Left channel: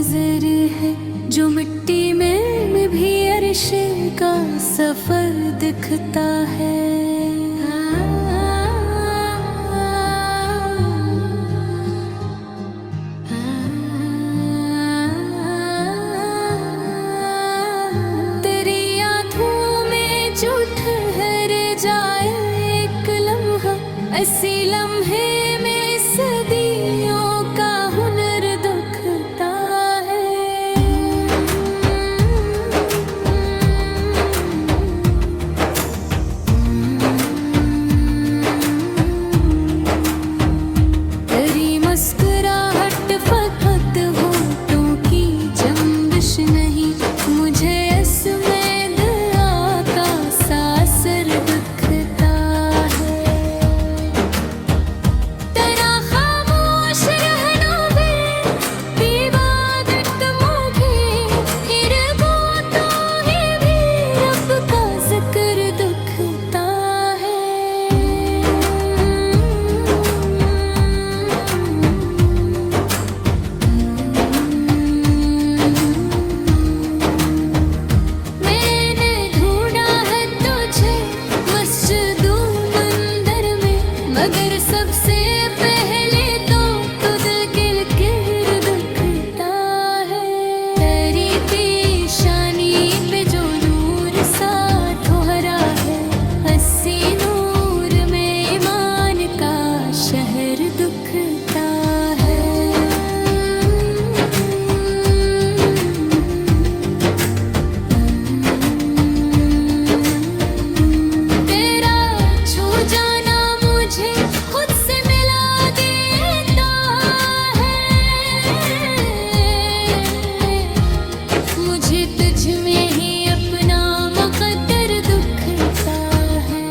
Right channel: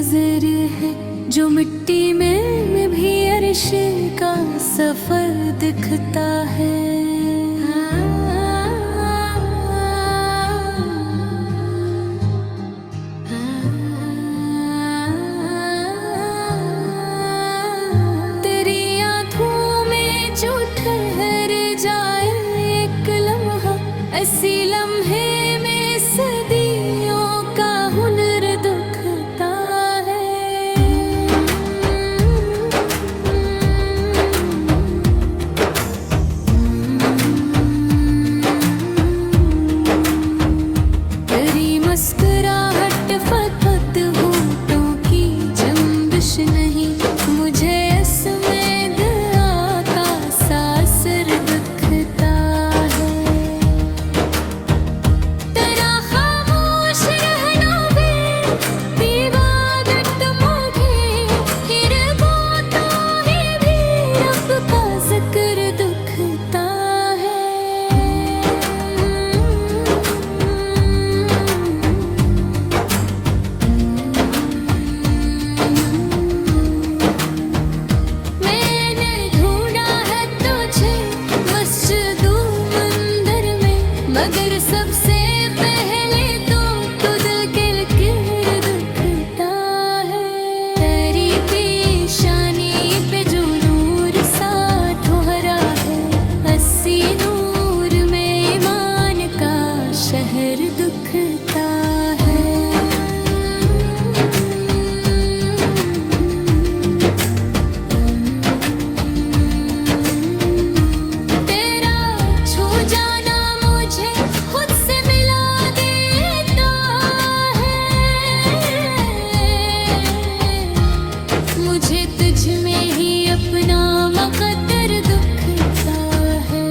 नजर है जो मिट्टी में भी अर्श का सफर दिखता है। तेरी आँखों में जो ठहर जाए एक लम्हा, ऐसी लम्हे में सदियों का हुनर दुखता है। तेरी मुस्कुराहट फकत होठों की जंबिश नहीं, मुझे इसमें दया का सासर दिखता है। तेरा खामोश रहना भी इबादत मुझे, फिर वो तो ही भी रब का जिक्र दुखता है। मैंने ढूंढा है तुझे मस्जिदों मंदिर में, मगर सबसे पहले तो तुझ गिर दिखता है। तेरी पेशानी पे जो नूर सा ठोहरा है, हसी नूर में ईमान का शहर दुखता है। तेरा छू जाना मुझे खुद से मिला देता है। मुझे तुझ में ही अपना मुकद्दर दुखता है।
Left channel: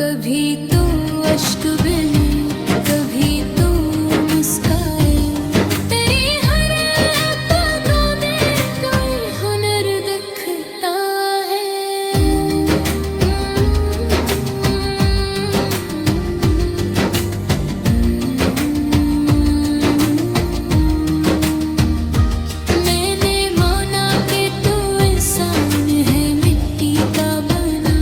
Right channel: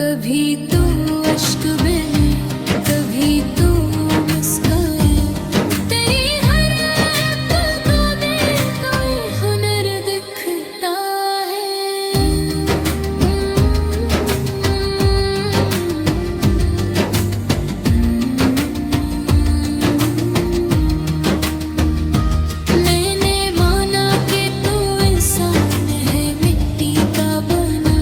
कभी तो अश्क बने, कभी तो मुस्काए, तेरी हर पलकों में कोई हुनर दिखता है। मैंने माना कि तू इंसान है मिट्टी का बना,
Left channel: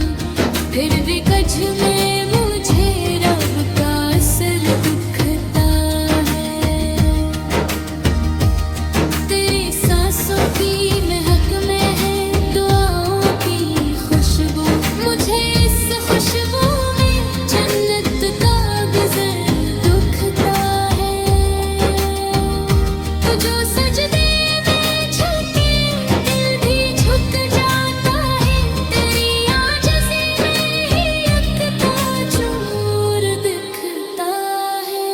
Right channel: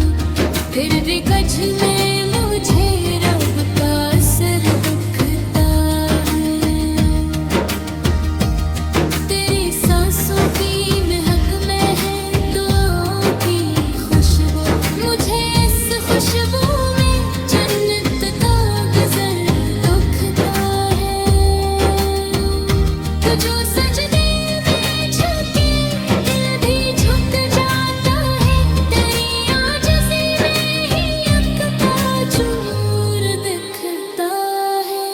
फिर भी कझ में मुझे रब का असर दुखता है। तेरी सांसों की महक में है दुआओं की खुशबू, मुझे इस खुशबू में जन्नत का गुज़र दुखता है। तू जो सजदे में झुके दिल भी झुक जाता है, तेरी आजिज़ी में ही यकता चूर दिखता है।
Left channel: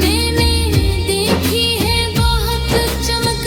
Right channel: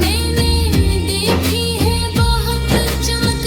मैंने देखी है बहुत चमक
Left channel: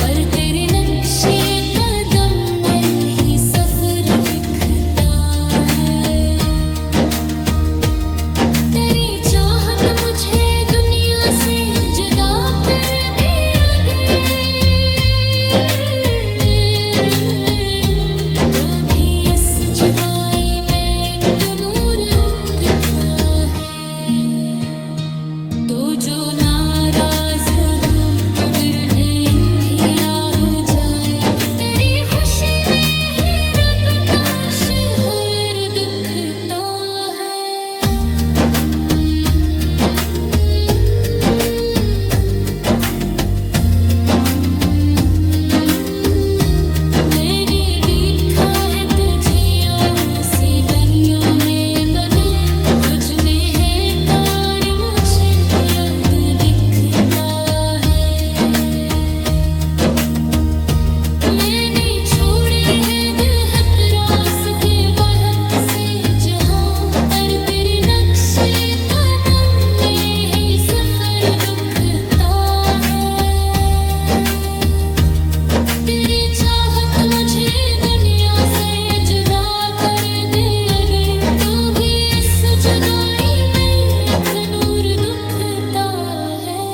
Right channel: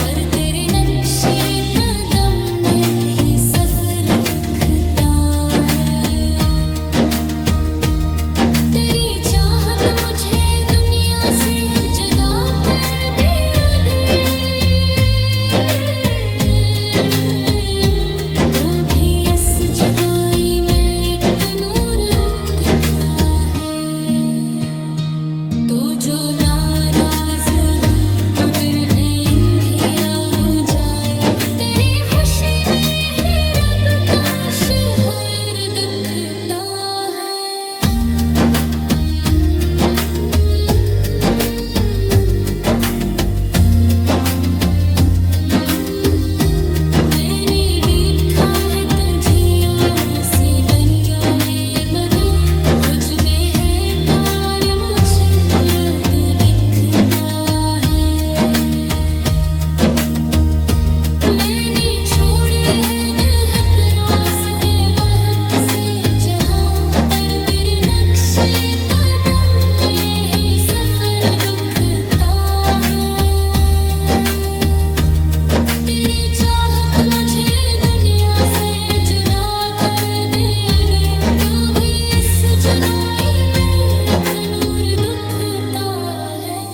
पर तेरे नक्शे कदम में ही सफर दिखता है। तेरी चाहत मुझे दुनिया से जुदा कर दिया गया, तो भी इस जुदाई में एक नूर दिखता है। तो जो नाराज हो तो दिल भी अंधेरा हो जाए, तेरी खुशी में ही रब का शहर दिखता है। मैंने देखा है तुझे आँखों से तन्या में मगर, तुझ में है तार मुझे रब दिखता है। मैंने छोड़े है दिल के बहुत से जहाँ, पर तेरे नक्शे कदम में ही सफर दिखता है। तेरी चाहत मुझे दुनिया से जुदा कर दे अगर, तो भी इस जुदाई में एक नूर दिखता है।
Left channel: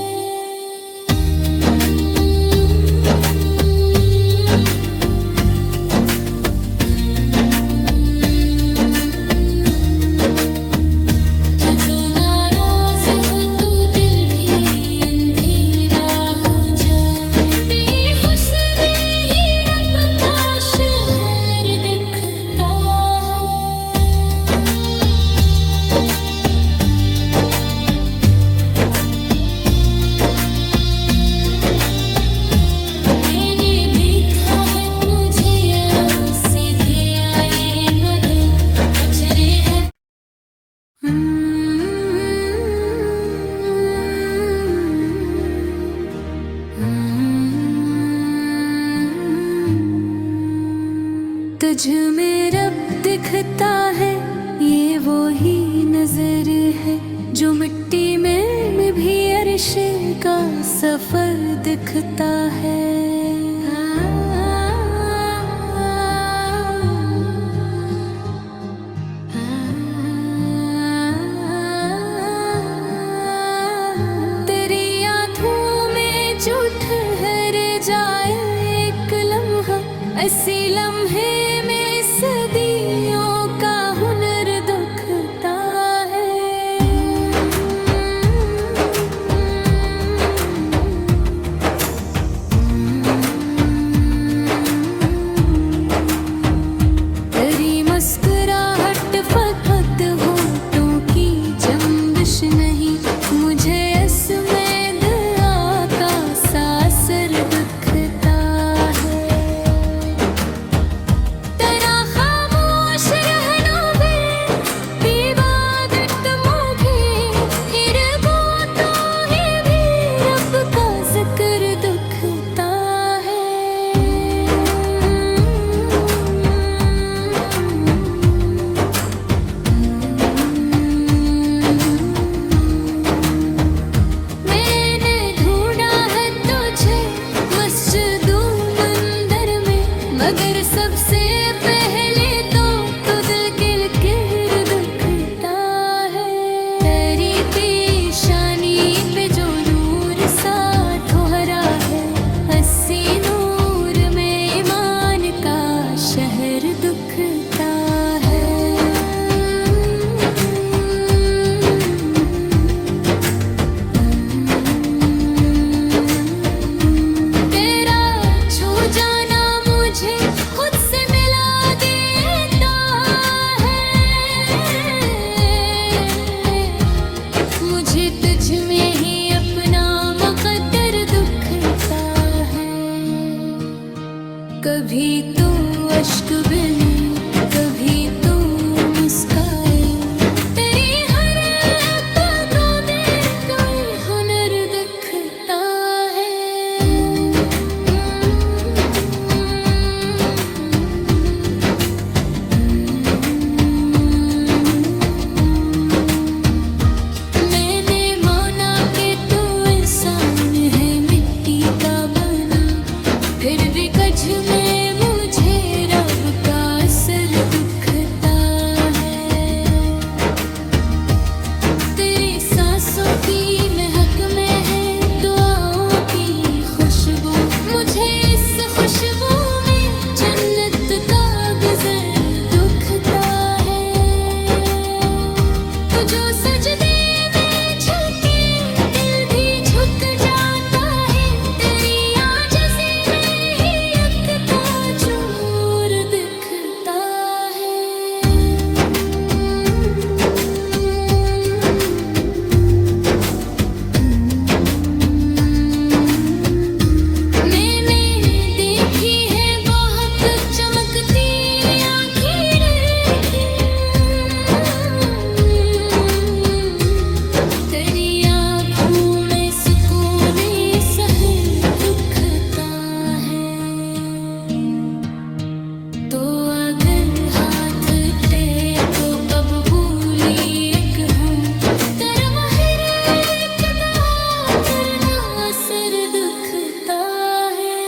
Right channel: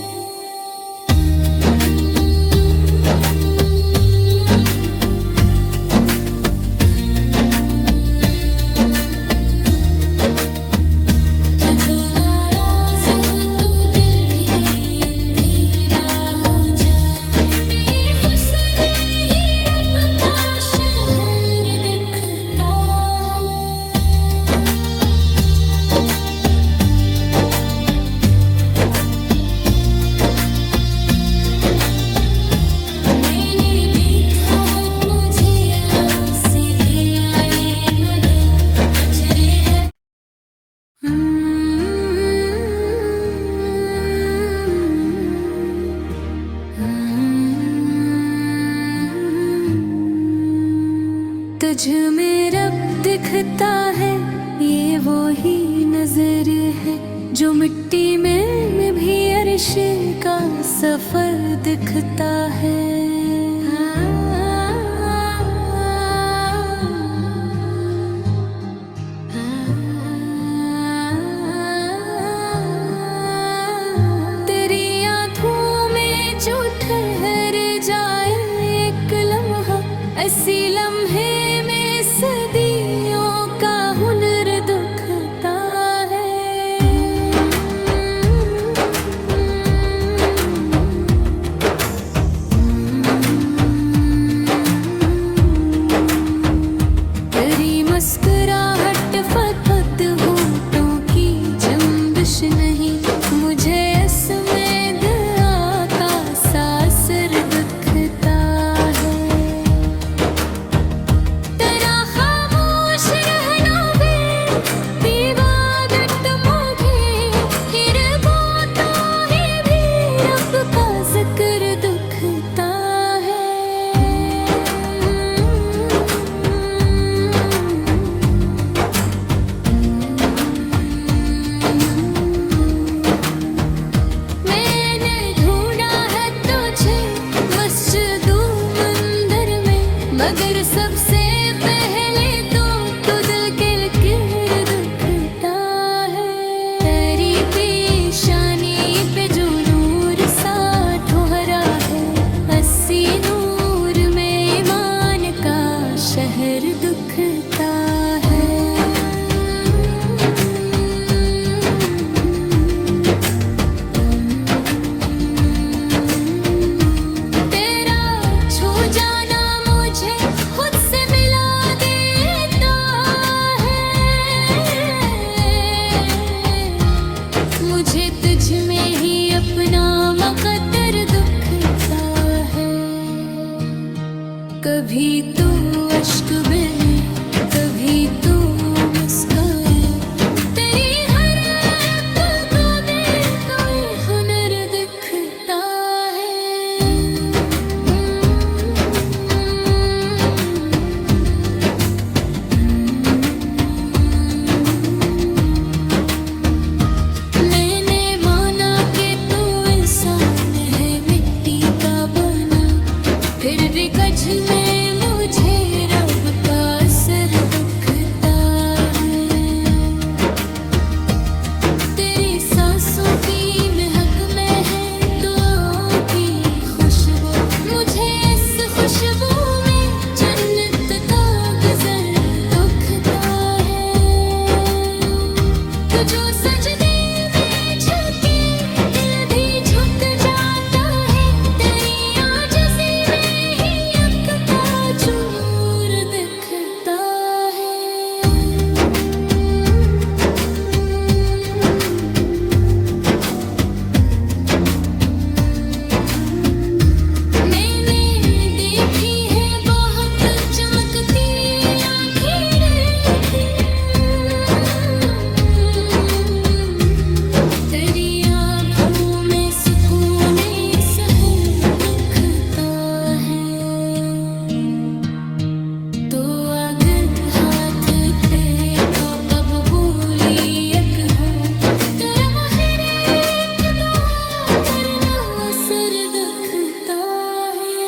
तो जो नाराज हो तो दिल भी अंधेरा हो जाए, तेरी खुशी में ही रब का शहर दिखता है। मैंने देखा है मुझे सीधे आए मगर कचरे है। तुझ में रब दिखता है, ये वो ही नजर है जो मिट्टी में भी अर्श का सफर दिखता है। तेरी आँखों में जो ठहर जाए एक लम्हा, ऐसी लम्हे में सदियों का हुनर दिखता है। तेरी मुस्कुराहट फद होठों की जंबिश नहीं, मुझे इसमें दया का सासर दिखता है। तेरा खामोश रहना भी इबादत मुझे, फिर वो तो ही भी रब का जिक्र दिखता है। मैंने ढूंढा है तुझे मस्जिदों मंदिर में, मगर सबसे पहले तो दिल गिर दिखता है। तेरी पेशानी पे जो नूर सा ठोहरा है, अस्सी नूर में ईमान का शहर दिखता है। तेरा छू जाना मुझे खुद से मिला देता है, मुझे तुझ में ही अपना मुकद्दर दिखता है। कभी तो अश्क बने, कभी तो मुस्काए, तेरी हर पलकों में कोई हुनर दिखता है। मैंने माना कि तू इंसान है मिट्टी का बना, खुशबू में जन्नत का गजर दुखता है। तू जो सजदे में झुके दिल भी झुक जाता है। तेरी आजिज़ी में ही यकता चूर दिखता है। मैंने देखी है बहुत चमकती आँखें देखी, तेरी आँखों में सुकून सहर दुखता है। तो अगर हाथ टेको अब भूली एक हूँ, तेरा माहिर इक़्तिदा करना असर दुखता है।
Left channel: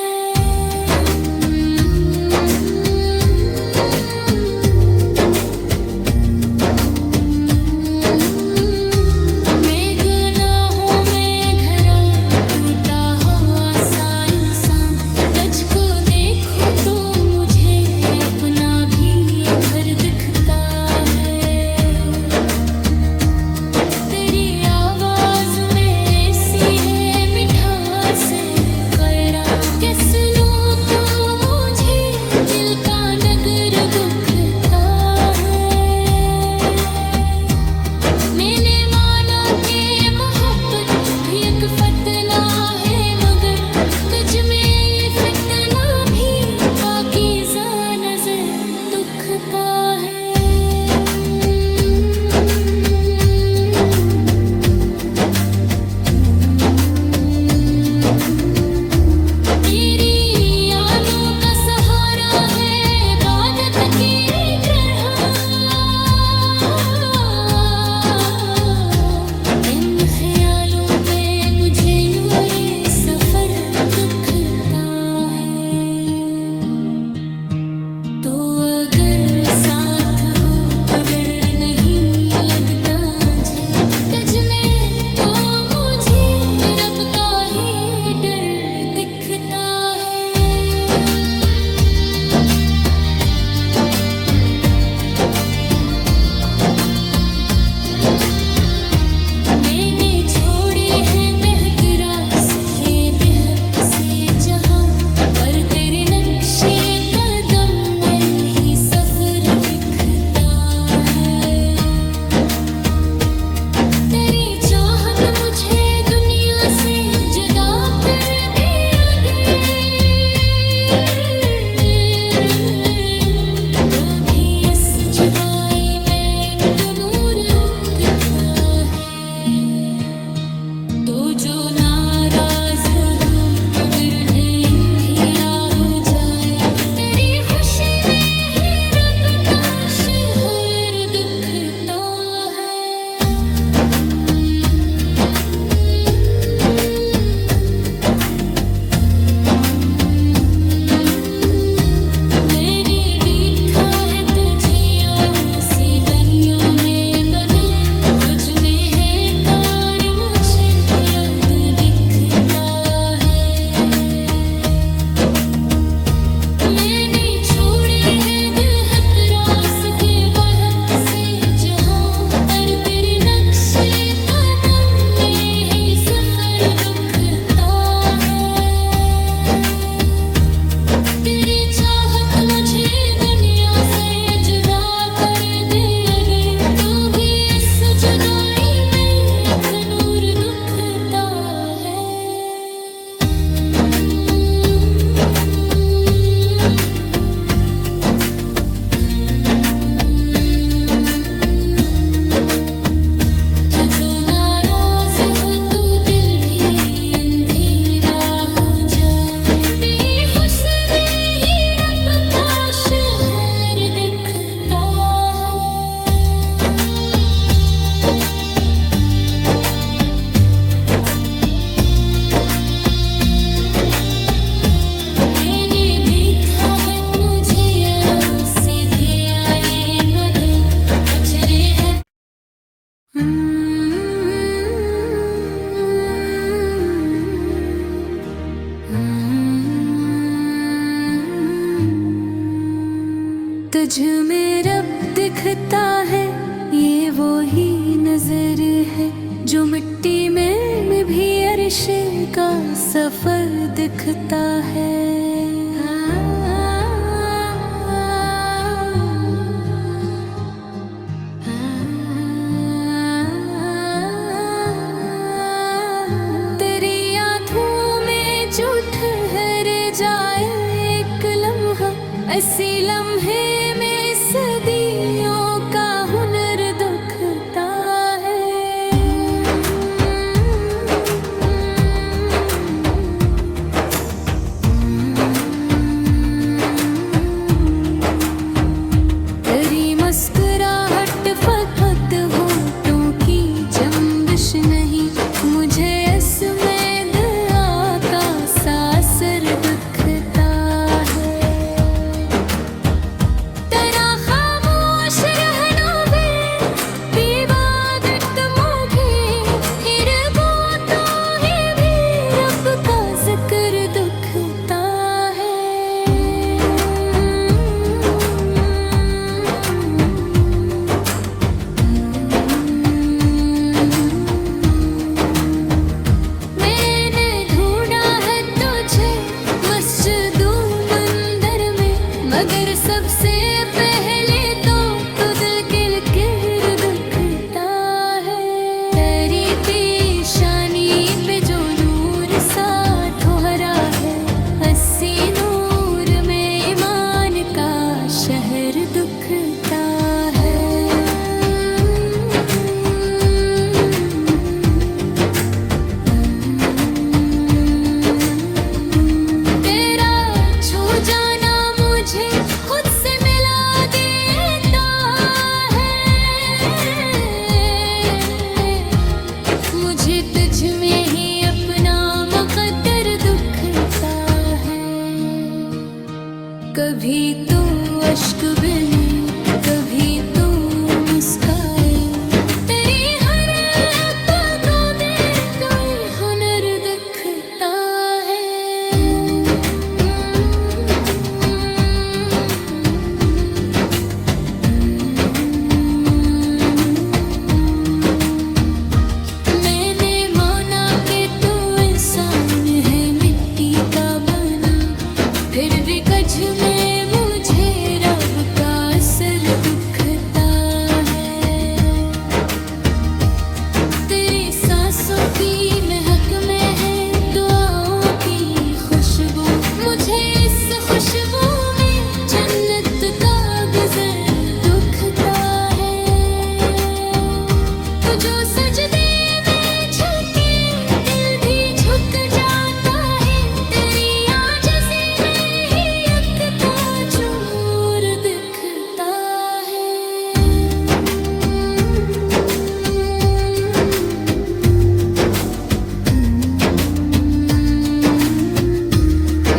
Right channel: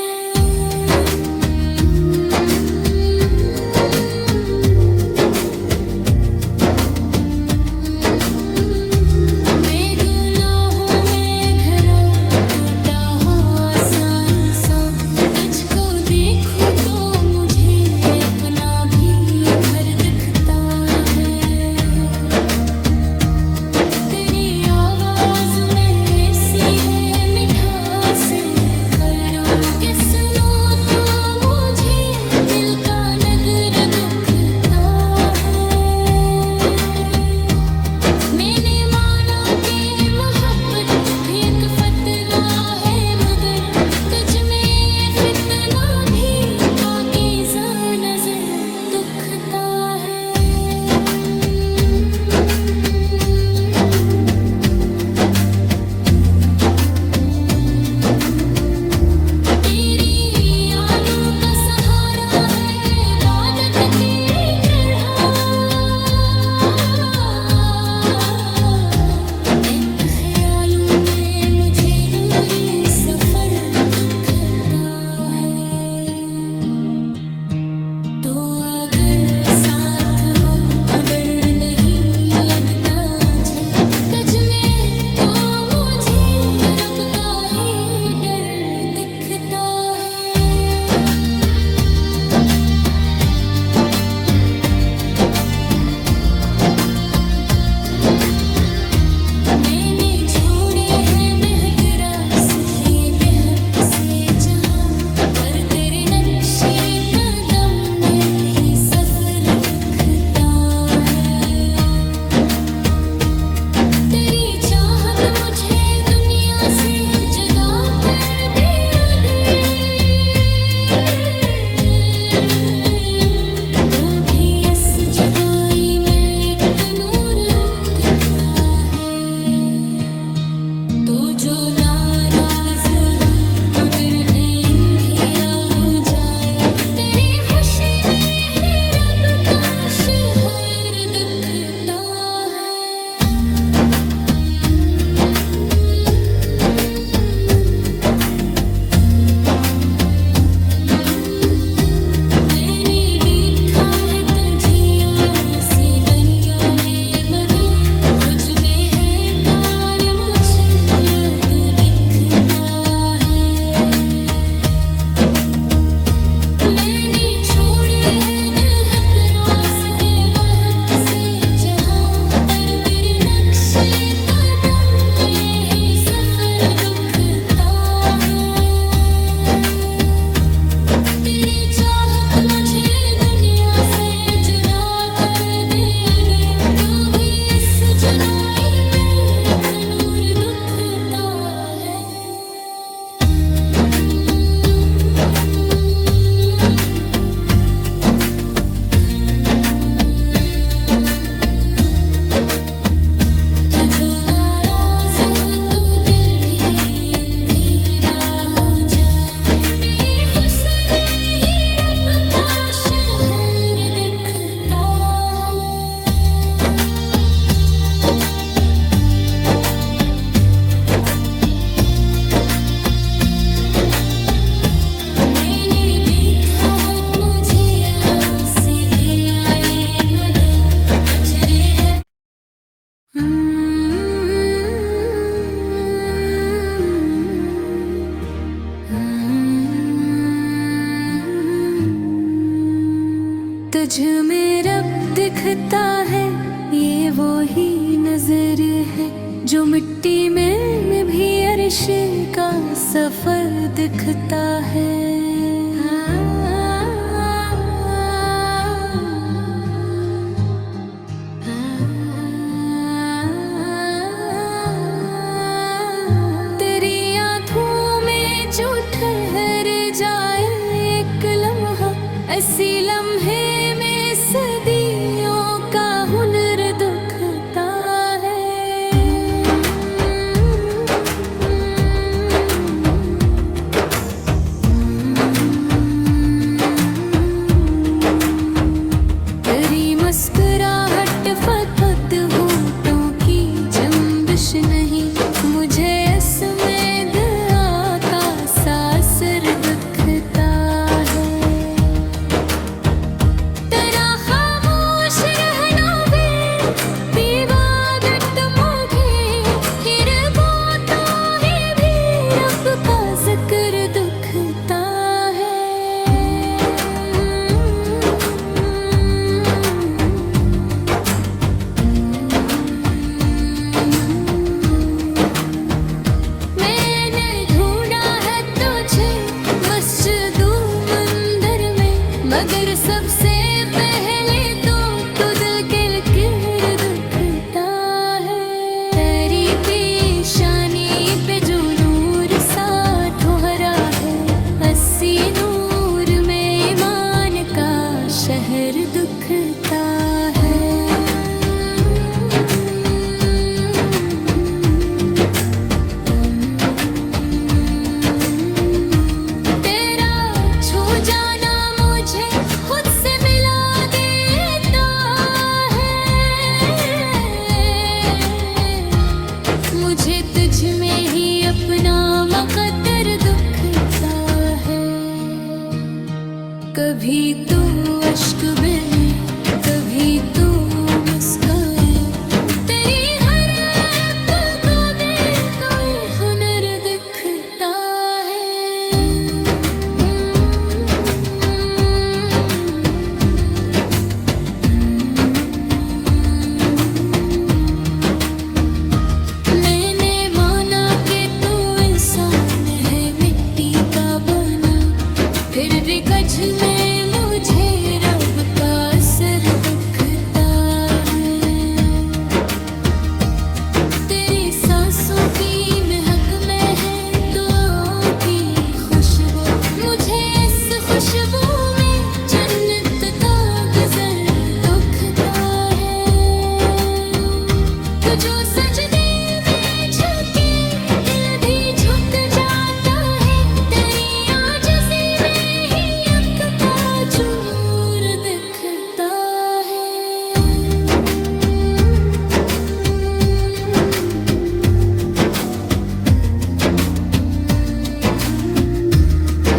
मैं गुनाहों में घरा टूटा हुआ सा इंसान, तुझको देखूं तो मुझे अपना भी घर दिखता है। तेरी आवाज में ऐसी है मिठास करा के सुनो तो मुझे दिल का नगर दुखता है। मैंने माना कि मोहब्बत भी एक फतना है, मगर तुझ में ये फतना भी पाकीज़ा नजर दुखता है। तेरी यादों का सहारा है इबादत की तरह, इन ख्यालों में मुझे नूरे सफर दुखता है। तो अगर साथ हो तो दर्द नहीं लगता मुझे, तुझ में तो मुझे रब का ही डर दिखता है। मैंने छोड़े हैं बेहतरा के बेहक से जहां, पर तेरे नक्शे कदम में ही सफर दिखता है। तेरी चाहत मुझे दुनिया से जुदा कर दिया गया, तो भी इस जुदाई में एक नूर दिखता है। तो जो नाराज हो तो दर्द अंधेरा हो जाए, नजर है जो मिट्टी में भी अर्श का सफर दिखता है। तेरी आँखों में जो ठहर जाए एक लम्हा, ऐसी लम्हे में सदियों का हुनर दुखता है। तेरी मुस्कुराहट फद होठों की जंबिश नहीं, मुझे इसमें दया का सासर दिखता है। तेरा खामोश रहना भी इबादत मुझे, फिर वो तो ही भी रब का जिक्र दुखता है। मैंने ढूंढा है तुझे मस्जिदों मंदिर में, मगर सबसे पहले तो तू दिल के लकीर दिखता है। तेरी पेशानी पे जो नूर सा ठोहरा है, अस्सी नूर में ईमान का शहर दिखता है। तेरा छू जाना मुझे खुद से मिला देता है। मुझे तुझ में ही अपना मुकद्दर दुखता है। कभी तो अश्क बने, कभी तो मुस्काए, तेरी हर पलकों में कोई हुनर दिखता है। मैंने माना कि तू इंसान है मिट्टी का बना, फिर भी कझ में मुझे रब का असर दिखता है। तेरी सांसों की महक में है दुआओं की खुशबू, मुझे इस खुशबू में जन्नत का गुज़र दिखता है। तू जो सजदे में झुके दिल भी झुक जाता है, तेरी आजिज़ी में ही यकता चूर दिखता है।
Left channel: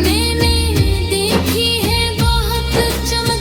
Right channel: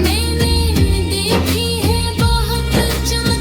मैंने देखी है बहुत चमक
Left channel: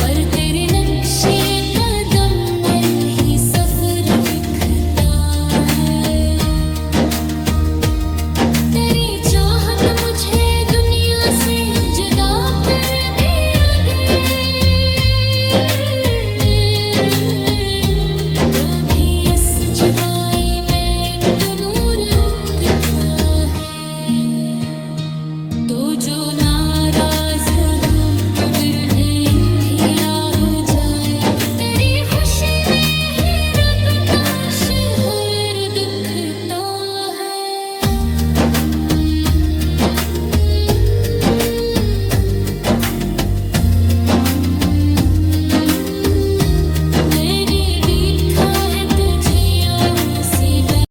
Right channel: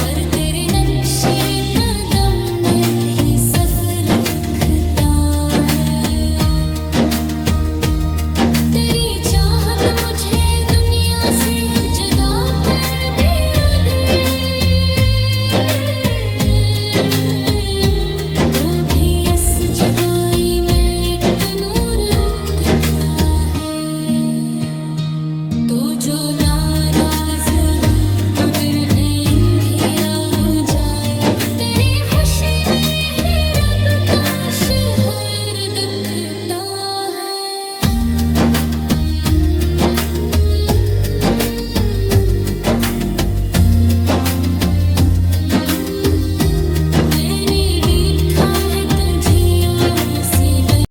पर तेरे नक्शे